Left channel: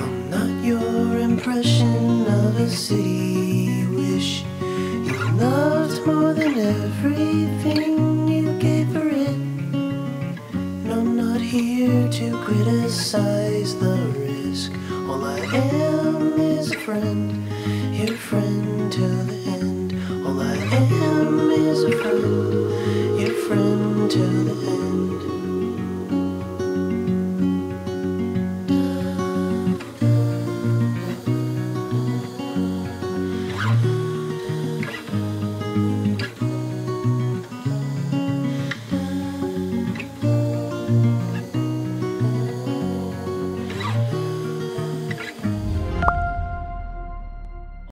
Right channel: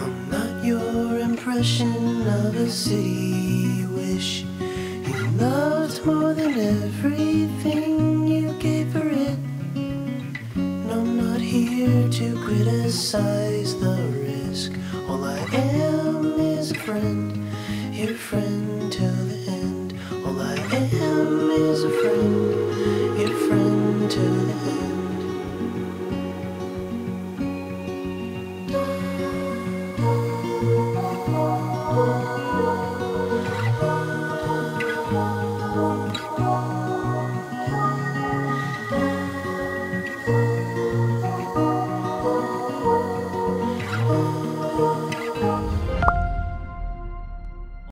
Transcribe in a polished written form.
I'm not your impression of a city you wish you loved more than everything you gave for it. And I'm not here to criticize the risk. All I am is a friend, your friend till the end. All I am is a friend, your friend till the end.